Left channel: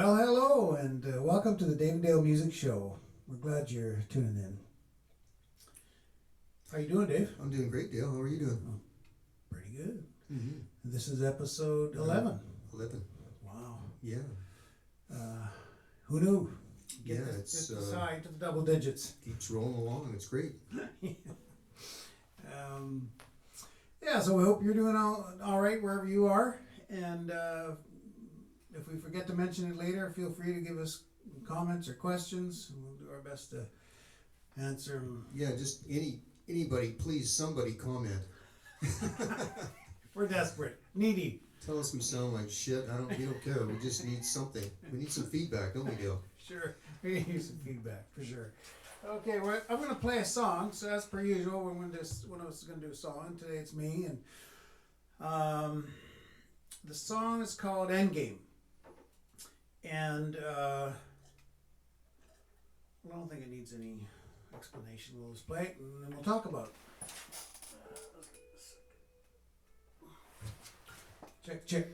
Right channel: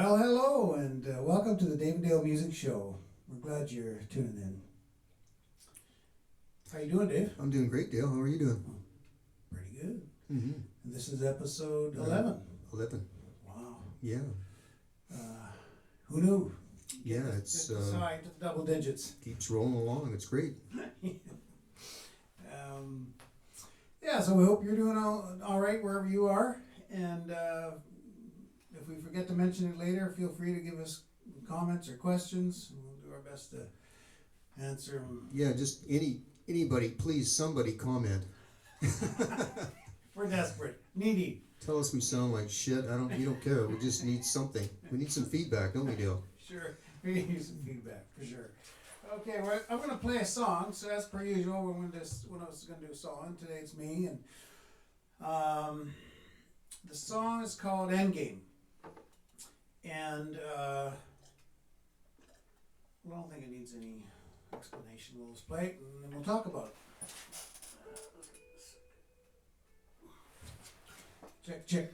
Well, hello, and welcome to the David Dale Music Show. We're glad you're tuning in. How you doing, Dave? I'm doing great, Dale. How are you doing? Oh, pretty good. Mm-hmm. This is episode 11. 11. Wow. Yeah. Who knew? Yeah, it's high to the double digits. Keeps rolling along. It's great. Yeah, so we hope you're doing all right wherever you are. And if we forget to mention it later, feel free to give us comments or questions. We'll do our best to answer them. Yeah, just anybody, please, somebody comment. We're desperate, needy. Tell us we sound like shit. We don't care. We just need something. We need some feedback, don't we, Dale? Sure, we need some feedback for sure. Okay, well, I'm going to play a song. So as per usual, one of us is going to do a song. Today it's me, and the song is called Endgame. And I don't think it needs any explanation. We'll just play it and then we'll talk about it. Check.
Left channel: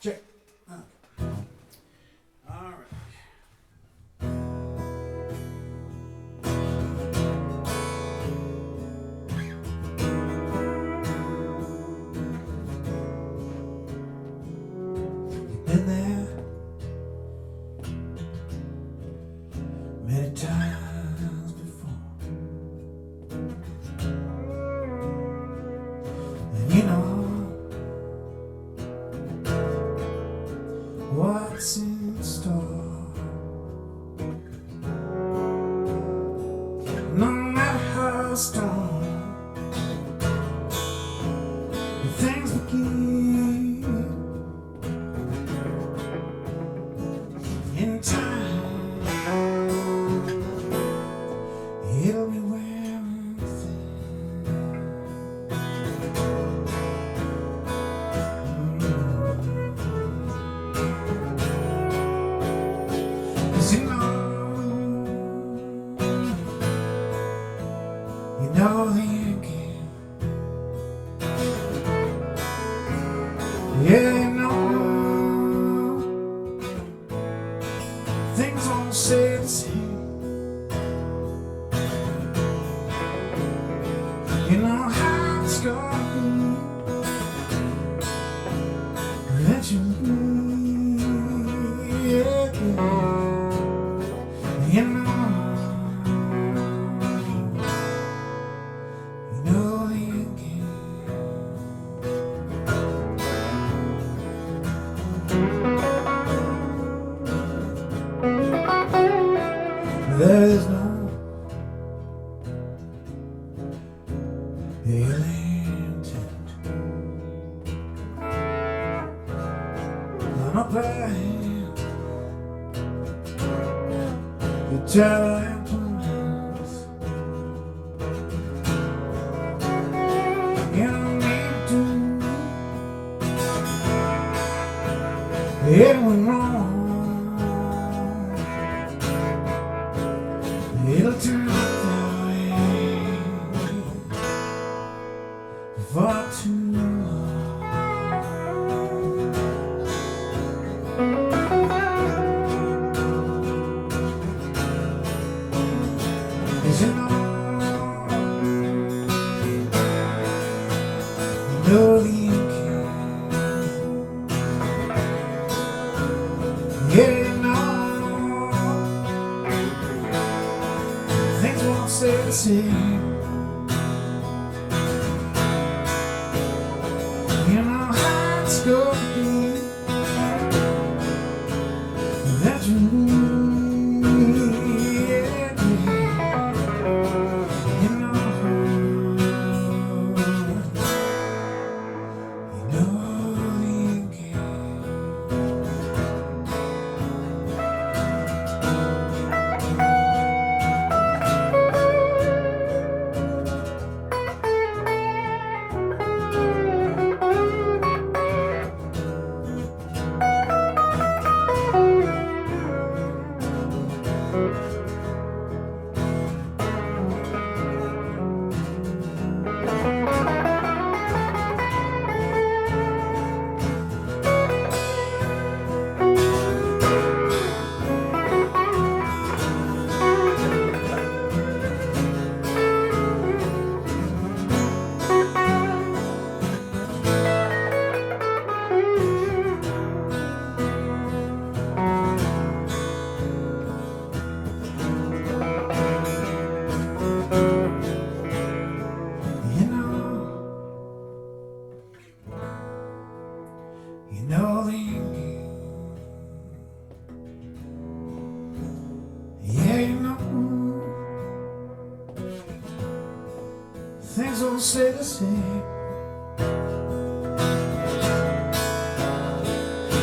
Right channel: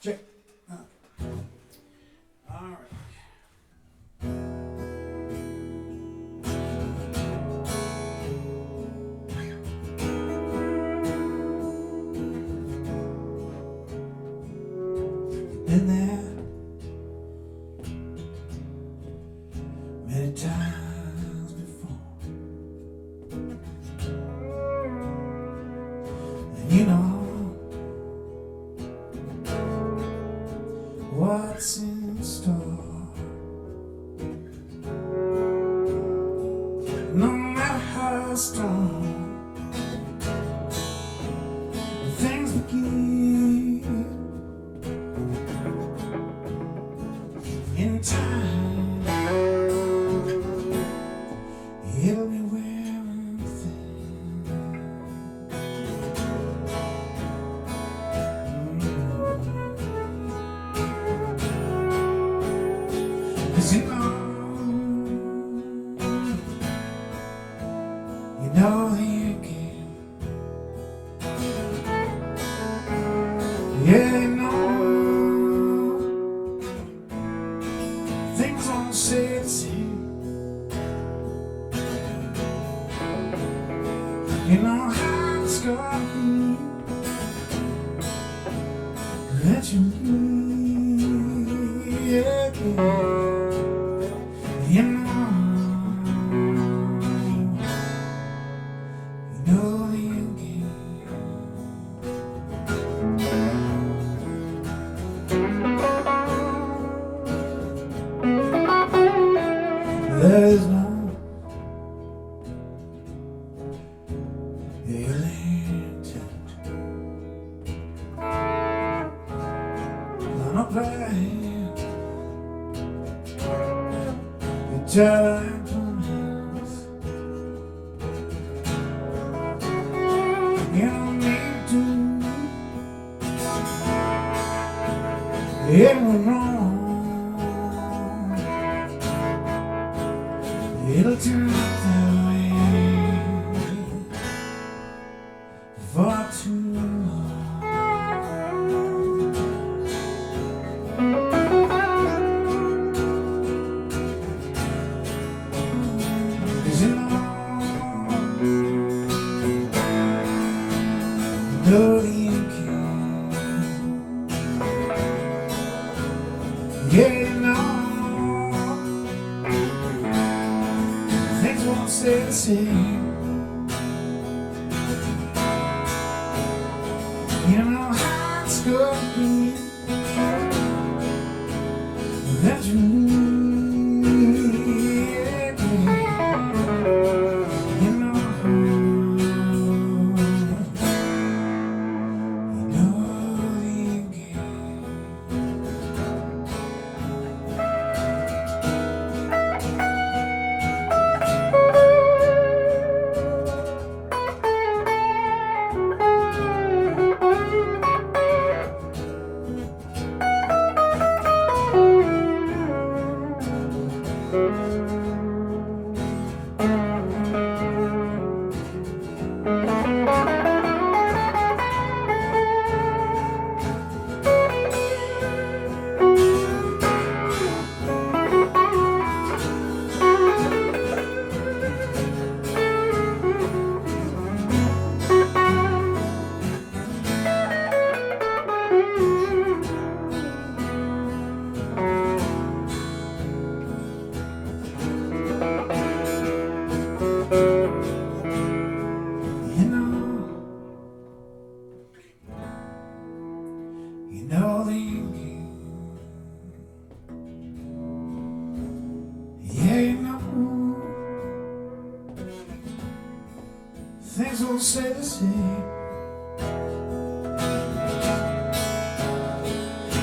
Check. All right. Been there many times before, and you know what's in store. No matter how strong things begin, in time it'll be wearing thin. Cause you know the end game. Yeah, you know things won't stay the same. You know how it's gonna be that you leave. Yeah. You know the end game. There's no ill intent, no plan, your temperament. You don't need to. It went wrong. It'll turn out that way for too long. 'Cause you know the end game. Yeah, you know things won't stay the same. You know how it's gonna be that you lose. You know the end game. You know the Yankee. Yeah, you know things will stay the same.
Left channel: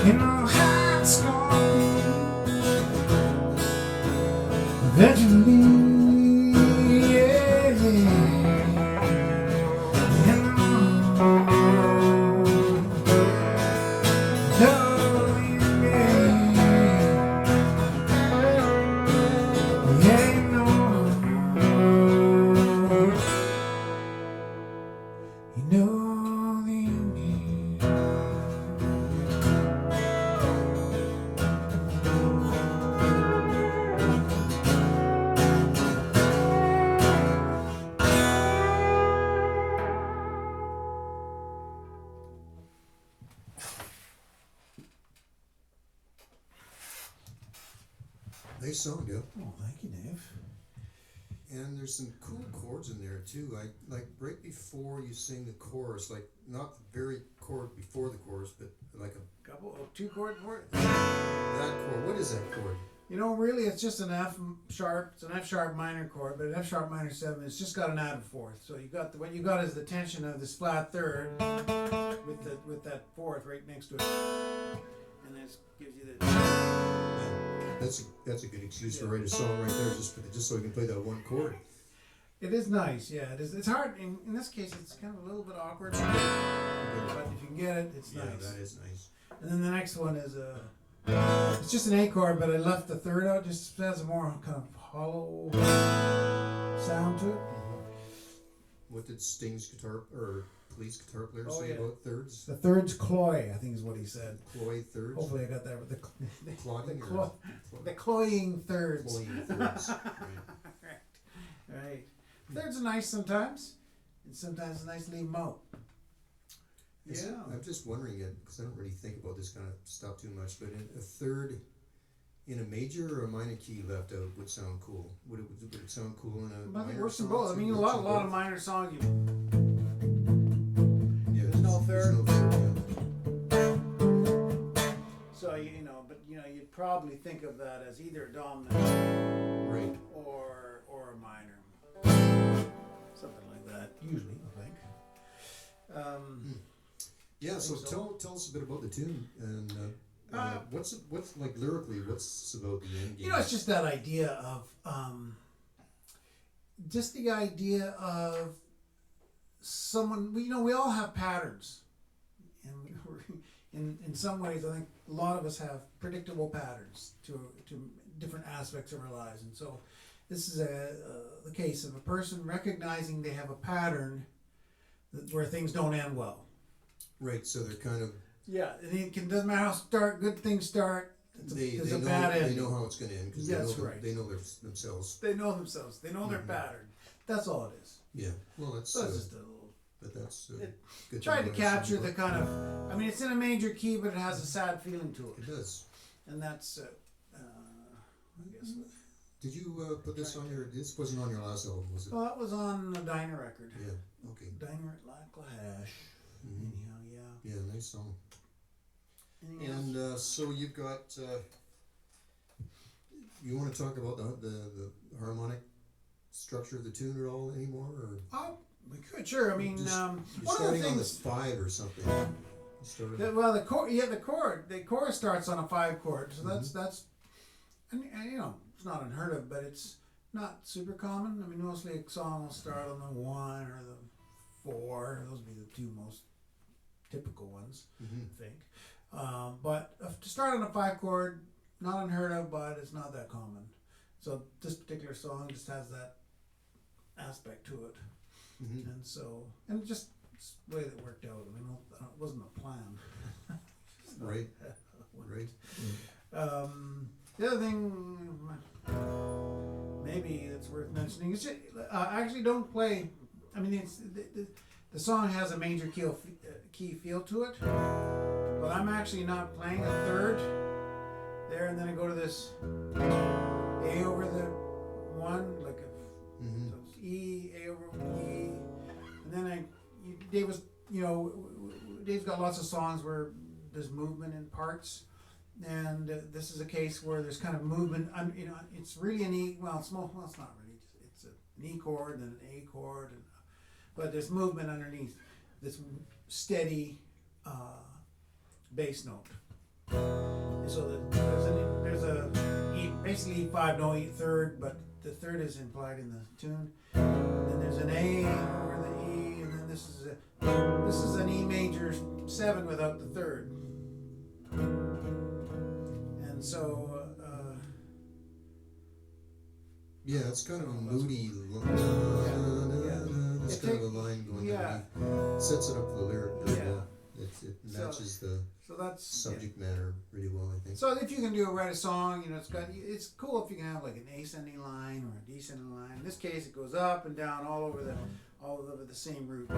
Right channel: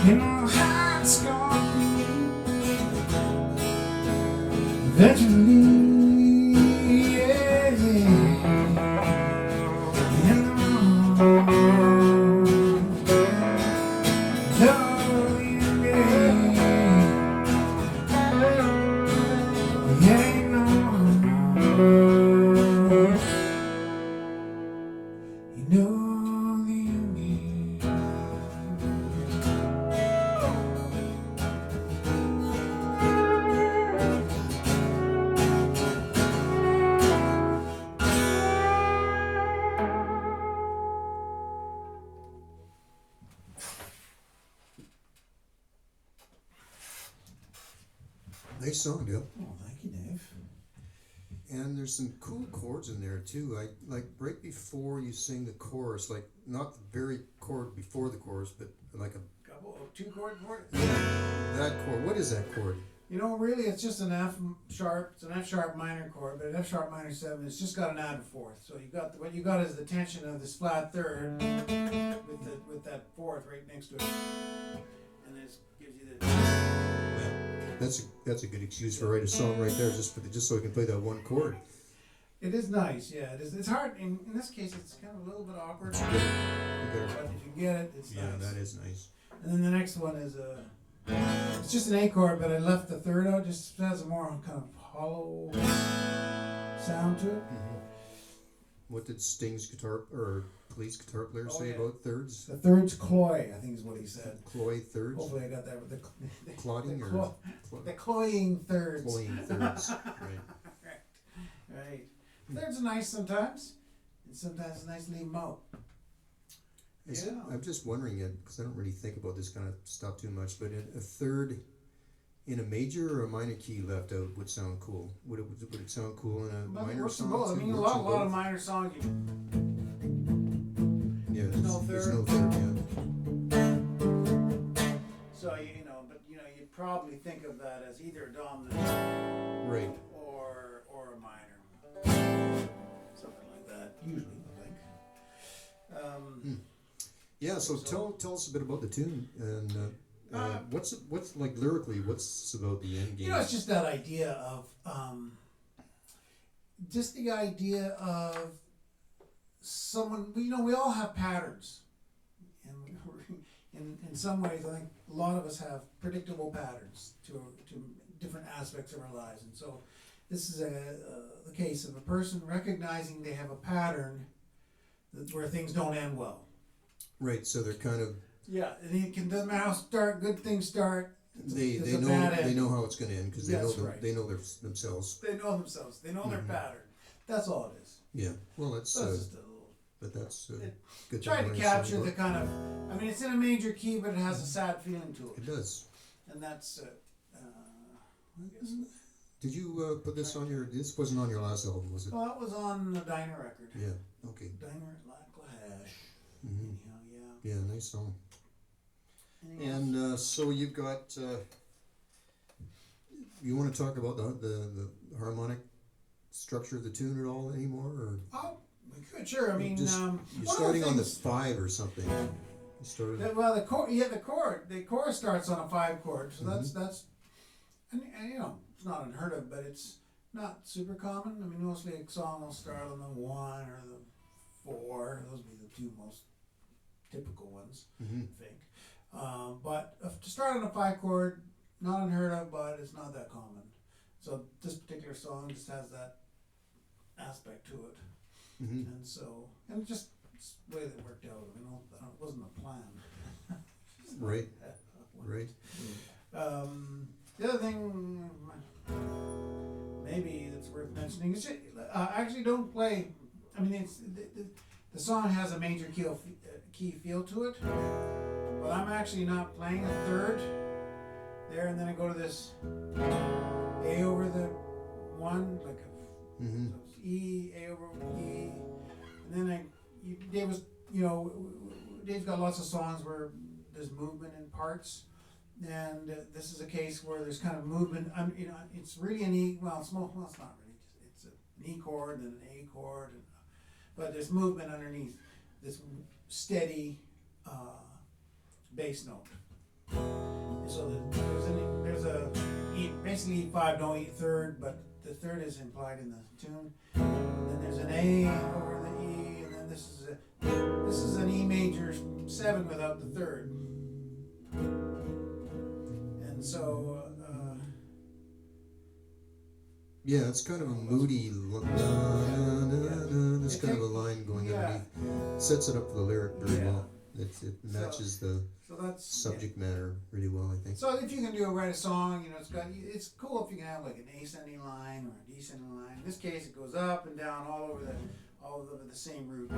You know how it's gonna be eventually. Yeah, yeah. You know, darling, yeah. Yeah, you know the Yankee. Nice song, Dale. Oh, thank you, Dave. And there's some cool chords in there too. I like right before you sing the chorus, like not the very chord before the chorus, but like a Couple of 2-chord chord. that chord. What is that chord? You know, really, it's just an F sharp. It's an F sharp minor chord, but an F sharp minor 7. It's just got an added fourth. So you got what you got is the tension of this flat third with that fourth right next to it, and it gives you the. That's a good excuse for write a song right there, just so you can play that one chord. It is nice, yeah. It is. It's hard in this case. It's kind of a little bit awkward, but if you get it, it's Yeah, nice. that is nice. And then the next one is it's just an A chord, but I left the third out. Just has a more kind of hollow sound to it. What did Sting's guitar or Police guitar player say yeah. about thirds? The third's cloy, I think is what he said. Cloy thirds? Hopefully I got that. Clotting the cloying thirds. Cloying thirds. Right. Thirds are nice sometimes, and sometimes it's nice to leave them out. I'm just wondering it because I don't really think about this kind of stuff too much. But a third in a major or a minor key left out would sound cool. Would it sound cool in a minor works in song? both. I mean, a lot of minor songs. There's no third. Yeah. So you'd probably think of that as either a dominant, right, or a minor, something like that. Usually, I think. Yeah. So tell us a bit about the tune and what's like lyrically. What's about the end game? It's just that idea of just the idea of someone. We all have patterns, and in some ways, I think a lot of us have predictable patterns to different aspects of our lives, and so this is the case of a person recognizing they have a pattern where things don't end well. Right. So they're kind of doesn't matter how good things start. They know how it's going to end because they know themselves. They know themselves. They know their pattern. That's all it is. Yeah. Well, that's just a little. But that's good. Tried to capture the kind of. I mean, it's in a major key, but it has a sad feeling to it. It does. And that's. I guess. Did you put this on your? This wasn't on your last album, was it? Well, that was on the Diner record. Yeah. Okay. Diner at Lacklash. Anyhow, yeah. Yeah, nice song. And so you've got. You want to talk about the harmonic structure of the tune at all anymore, or? Oh, we could, sure. I mean, you're starting on the 5 or something. You started. The chord. The chorus starts on a 5 chord, so that's, and it's not unheard of, but it's not super common. I mean, mostly a song will start on the 1 or the 4. Those would be the 2 most typical ones, I think. But to start on a 5 chord, not unheard of, but it's not that common. So this particular song just has that aspect to it. And so, and just it's the way that worked out. It wasn't a plan. Right. Right. The other thing, maybe that's worth mentioning is actually don't play. I mean, the song has a major key feel to it, but I'm actually not playing a third there, and then I go to this A over the 1, like a. So it's E, A over E, and then Dave's got lots of songs where there's movement in parts, and this is a case where there's kind of movement. It's really an E. Well, it's not really. It's an E chord and an A chord, but there's movement underneath this steady bass note. So there's a E, basically E5, no E third, but the third is implied in the tune. Then there's an A over the E, and then this is an E major 7 without the third. And so yeah, it's kind of a moody. There's kind of a line going underneath. Sets it up for the lyric very well. It matches the subject matter really well, I think. So if you can write a song, it's cool if you can have like an ascending line or a descending line. In this case, it goes up and down all over the same root.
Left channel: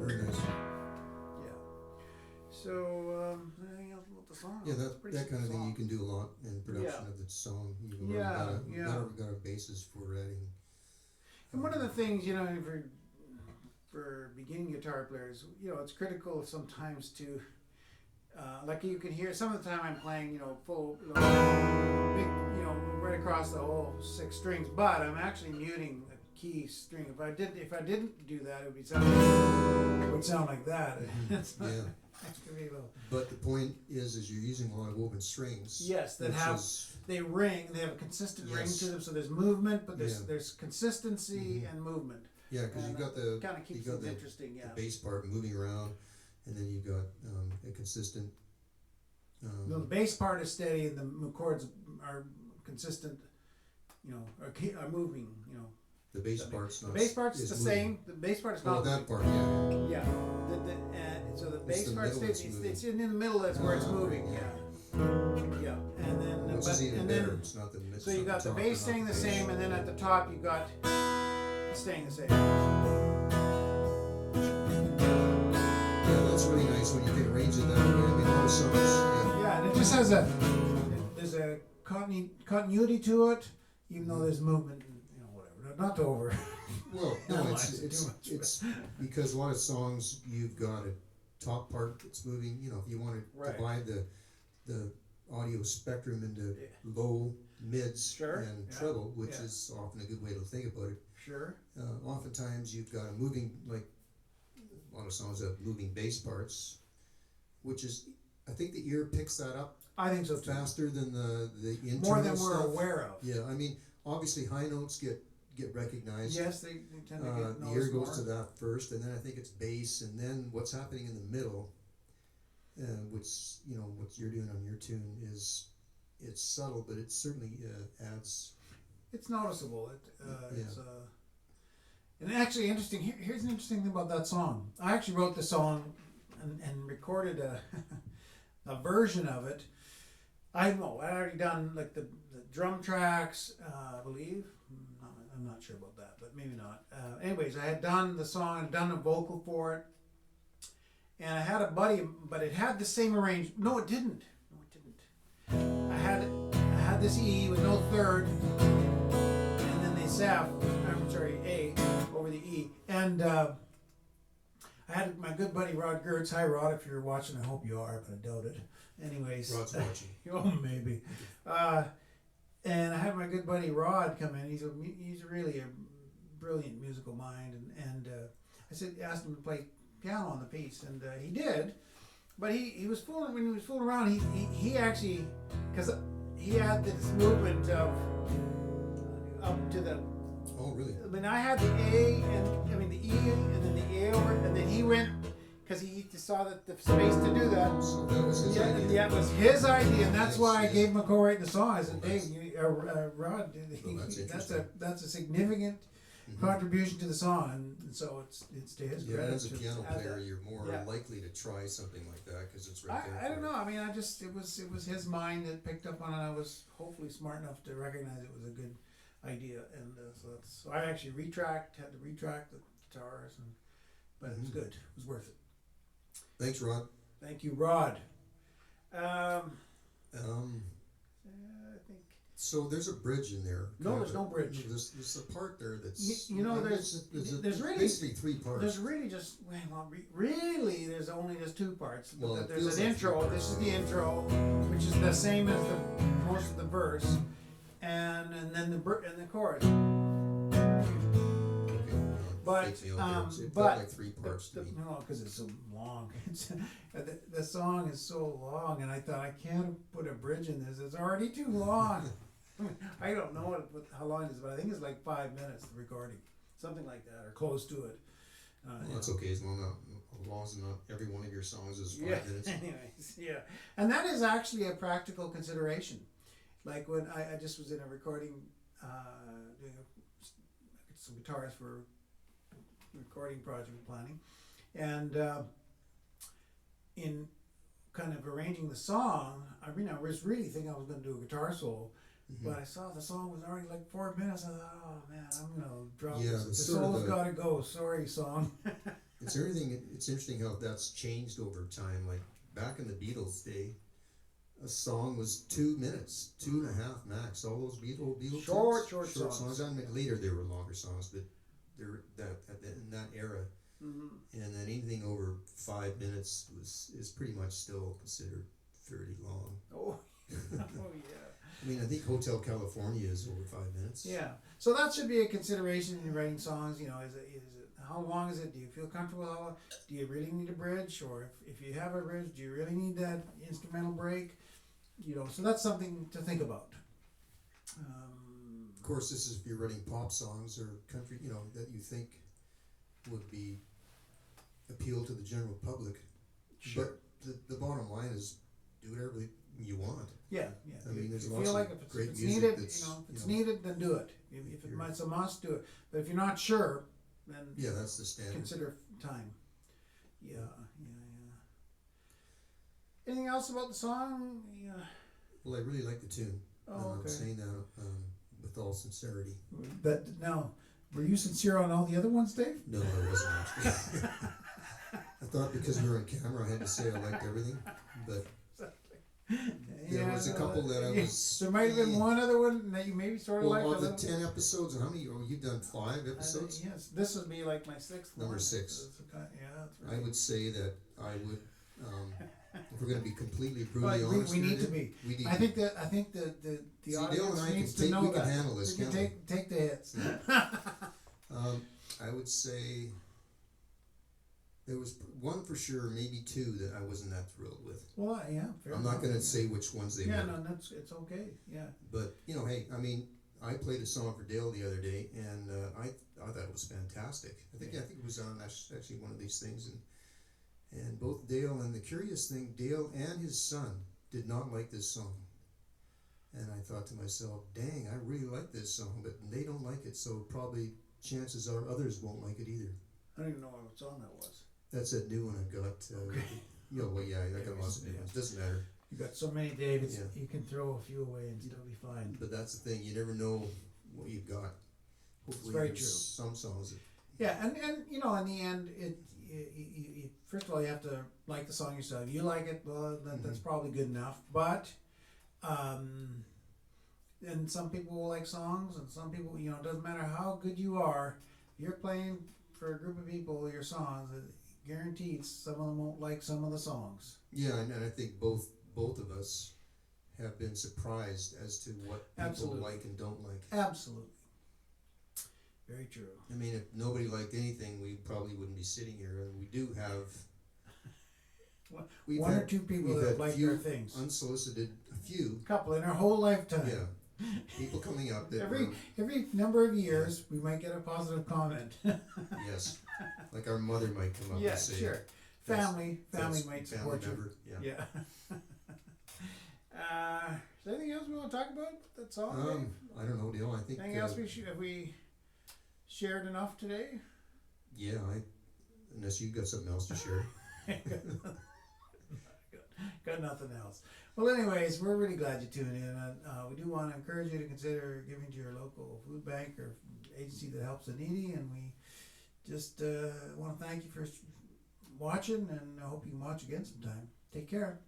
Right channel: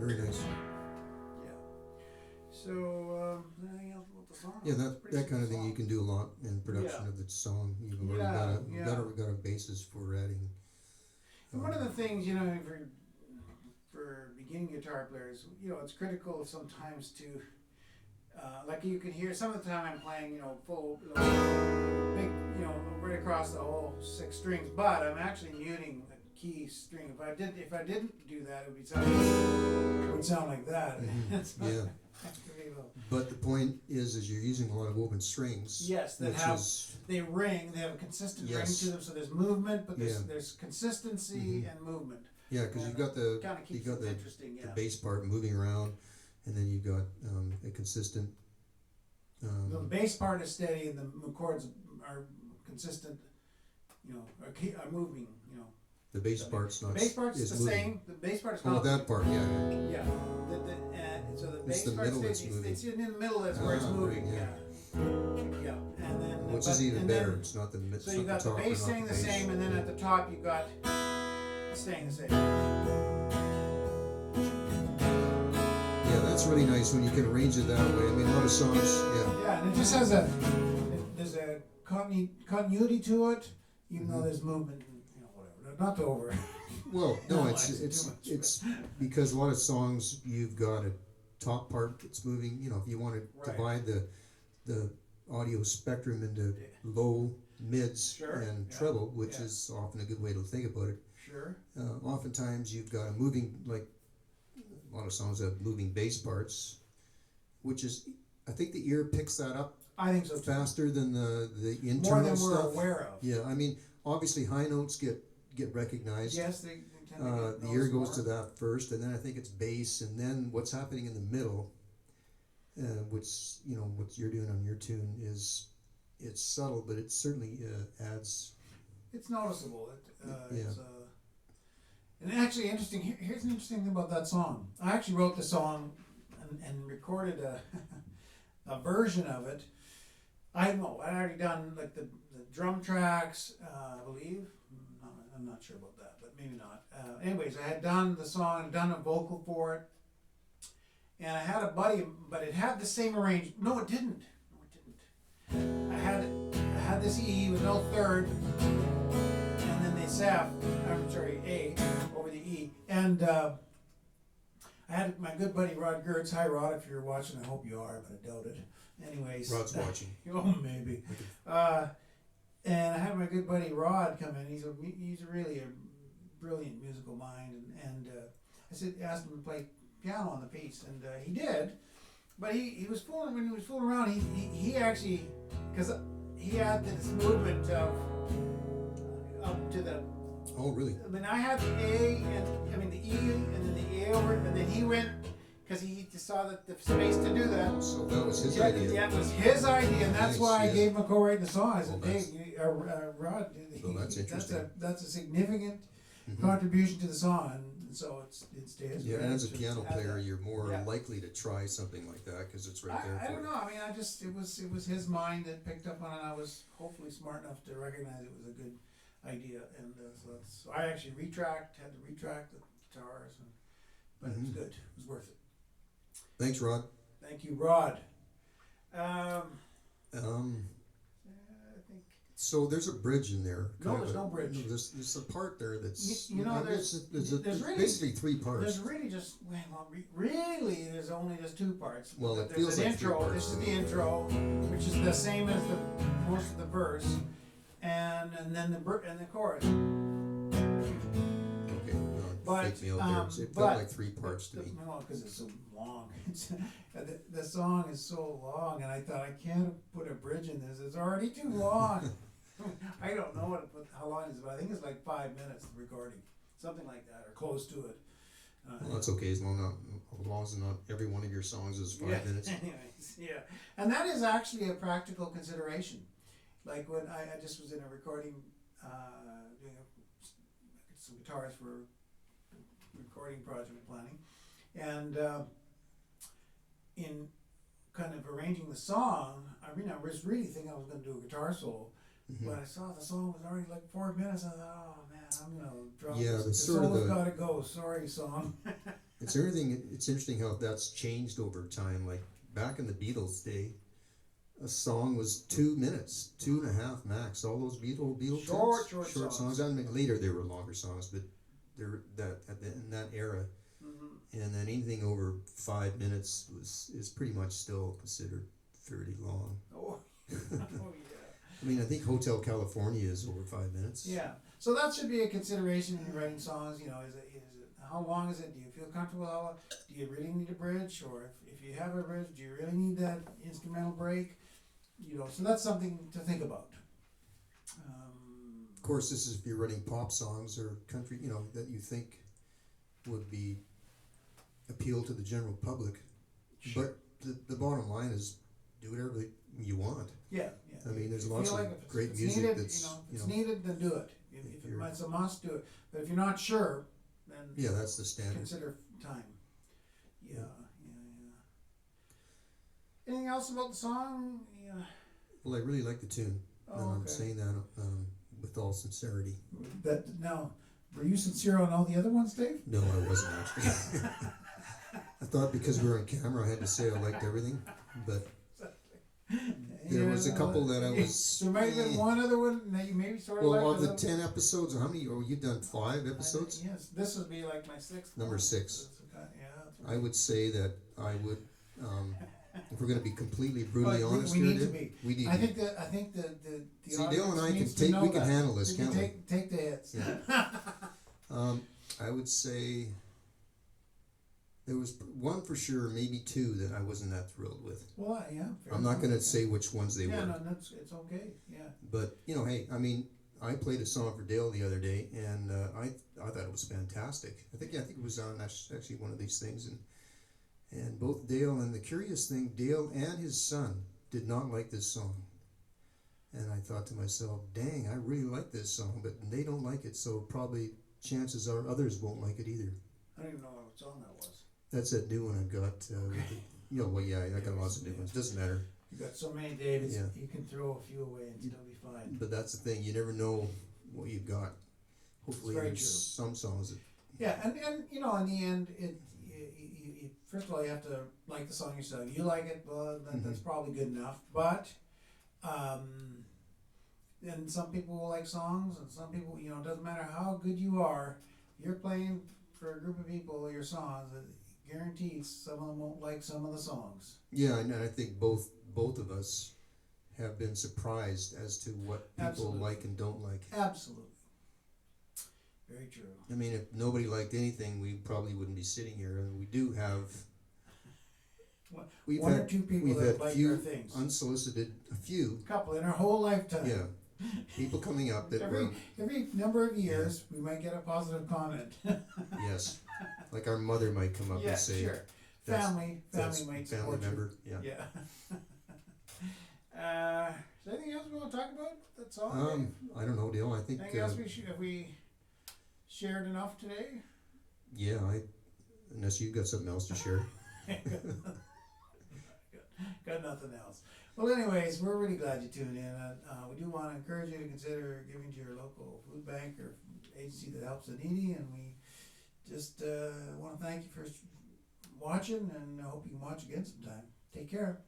Very nice. Yeah. So anything else about the song? Yeah, that kind of thing you can do a lot in production of the song. You've already got a basis for adding. And one of the things, for beginning guitar players, it's critical sometimes to, like you can hear some of the time I'm playing, full, big, right across the whole 6 strings, but I'm actually muting a key string. If I didn't do that, it would sound like that. Mm-hmm. Yeah. But the point is you're using a lot of open strings. Yes, they ring. They have a consistent ring to them. So there's movement, but there's consistency and movement. Yeah, because you've got the interesting. The bass part moving around, and then you've got a consistent. The bass part is steady, and the chords are consistent. Are moving. The bass part's not. The bass part's the same. The bass part is not. Oh, that part, yeah. Yeah. So the bass part it's in the middle. That's where it's moving. Yeah. And then which is even better. It's not the middle. So you got the bass staying the same, and then at the top you got staying the same. Yeah, that's really nice when you can arrange it that way. I mean, a lot of songs. Yeah. Yeah, and it just has there's a continuity to it, even though there's movement. Not over. Well, no, it's because a lot of songs you've got a top part that's moving. If you want to divide the audio spectrum into low, mids, and treble, which is often a good way to think about it. Sure. Oftentimes you've got a moving, like a lot of songs have moving bass parts, which is, I think the ear picks that up. I think so faster than the internal more than stuff. We're aware of. Yeah, I mean, obviously high notes get recognized. Yes, they tend to get the ear goes to that first, and then I think it's bass, and then what's happening in the middle, which what you're doing on your tune is it's subtle, but it certainly adds. It's noticeable. And actually, interesting. Here's an interesting thing about that song. I actually wrote the song and recorded a version of it. I know I'd already done like the drum tracks, I believe. I'm not sure about that, but maybe not. Anyways, I had done the song and done a vocal for it, and I had a buddy, but it had the same arrangement. No, it didn't. I had this E with no third, and then the A over the E, and I had my good buddy Rod Gertz. Hi, Rod, if you're watching, I hope you are, but I doubt it. Anyways, Rod's watching. Oh, maybe. And I had my good buddy Rod come in. He's really a brilliant musical mind, and I asked him to play piano on the piece, and he did. But he was fooling when he was fooling around. He actually, because he had this movement of up to the. Oh, really? I mean, I had the A the E, and then the A over, and then he went. Because he just saw that the space to do that. So that was his idea. Yeah, it was his idea, and that's why I gave him a co-writing the song. I said, Rod, that's a significant contribution to the song, and so it's to his credit. Yeah, as a piano player, you're more likely to try something like that because it's right there. I don't know. I mean, it was his mind that picked up on it. I was hopefully smart enough to recognize it was a good idea, and so I actually had to retract the guitars, but it was good. It was worth it. Thanks, Rod. Thank you, Rod. I think So there's a bridge in there. No, there's no bridge. There's a part there that's there's really, basically 3 parts. There's really just really there's only just 2 parts. Well, but it there's feels an like intro. 3 parts. This is the intro, which is the same as the most of the verse, and then the chorus. Okay, But fake me out there. So it but felt like 3 parts to me. No, because it's so long. The song is so long, and I thought I can't put a bridge in this. It's already too long. I don't know how long it is, but I think it's like 5 minutes, the recording, something like that, or close to it. Well, that's okay as long as not every one of your songs is 5 minutes. Anyways, yeah, and that is actually a practical consideration. Like when I just was in a recording, doing some guitars for recording project planning, and in kind of arranging the song, I was really thinking I was going to do a guitar solo. Mm-hmm. But I saw the song was already like 4 minutes. I thought, oh man, I'm gonna drop. Yeah, the solo's gotta go. Sorry, song. It's interesting how that's changed over time. Like back in the Beatles' day, a song was 2 minutes, 2.5 max. All those Beatles short songs. I mean, later they were longer songs, but they're in that era. Mm-hmm. And then anything over 5 minutes is pretty much still considered fairly long. Oh, oh yeah. I mean, I think Hotel California is over 5 minutes. Yeah, so that should be a consideration in writing songs. Is it how long is it? Do you feel comfortable? How long? Do you really need a bridge, or if you have a bridge, do you really need that instrumental break? So that's something to think about. Of course, this is if you're writing pop songs or country, that you think would be appeal to the general public. Sure. But the bottom line is, do whatever you want. Yeah. I mean, there's if lots like of great it's music needed, that's if it's needed, then do it. If it's a must, do it. But if you're not sure, then that's the standard. Consider time. Yeah. Anything else about the song? Yeah. Well, I really like the tune. Oh, and okay. I'm saying that with all sincerity. But now, were you sincere on all the other ones, Dave? No, I wasn't actually. I thought because we were on camera, I had to say I liked everything, but there was a couple that I was. There might have been one other one that you maybe sort of liked. Well, of the 10 episodes, how many? Oh, you've done 5 episodes. Yes, this would be like my 6th. Number one. 6. Yeah, that's right. I would say that I would. If we're going to be completely brutally honest, we need to be. We need. I think the See, audience Dale and I needs can to know we can that. handle this, can't we? Take the hits. Yeah. I would say there was one for sure, maybe 2 that I wasn't that thrilled with. Well, yeah. I'm not going to say which ones they were. Yeah, no, it's okay. Yeah. But hey, I mean, I played a song for Dale the other day, and I thought it was fantastic. I think it was on actually one of these things, and both Dale and the curious thing, Dale and his son did not like this song. And I thought to myself, dang, I really like this song, but they don't like it, so probably chances are others won't like it either. I don't even know what song that was. That's that new one I've got. I got lots of new ones. Doesn't matter. You got so many, David. Yeah. You can throw a few away and still be fine. But that's the thing. You never know what you've got. Hopefully, there's some songs that. Yeah, and in the end, you first of all you have to like the song yourself. You like it, well, that's probably good enough. But, and some people will like songs, and some people, it doesn't matter how good you are. You're playing for a group of people your songs. Guaranteed, some of them won't like some of the songs. Yeah, and I think both of us have been surprised as to what people like and don't like. Absolutely. Very true. I mean, if nobody liked anything, we probably wouldn't be sitting here. And we do have one or two people that like our things. Unsolicited, a few. Couple in our whole lifetime. Yeah. People coming up that every number of years, we might get a positive comment. Yes. Like our mother might come up and say. Sure. Family might support member. Yeah. Is there anything else we want to talk about? That's all. I don't know, Dale. I think. Anything else have we shared enough today? Yeah, unless you've got something else to share. Got nothing else. Well, anyways, we're really glad you tuned in. We do want to encourage you to consider giving to your local food bank or agency that helps the needy, and we just want to thank you for watching, and I hope you can watch again sometime. Take care.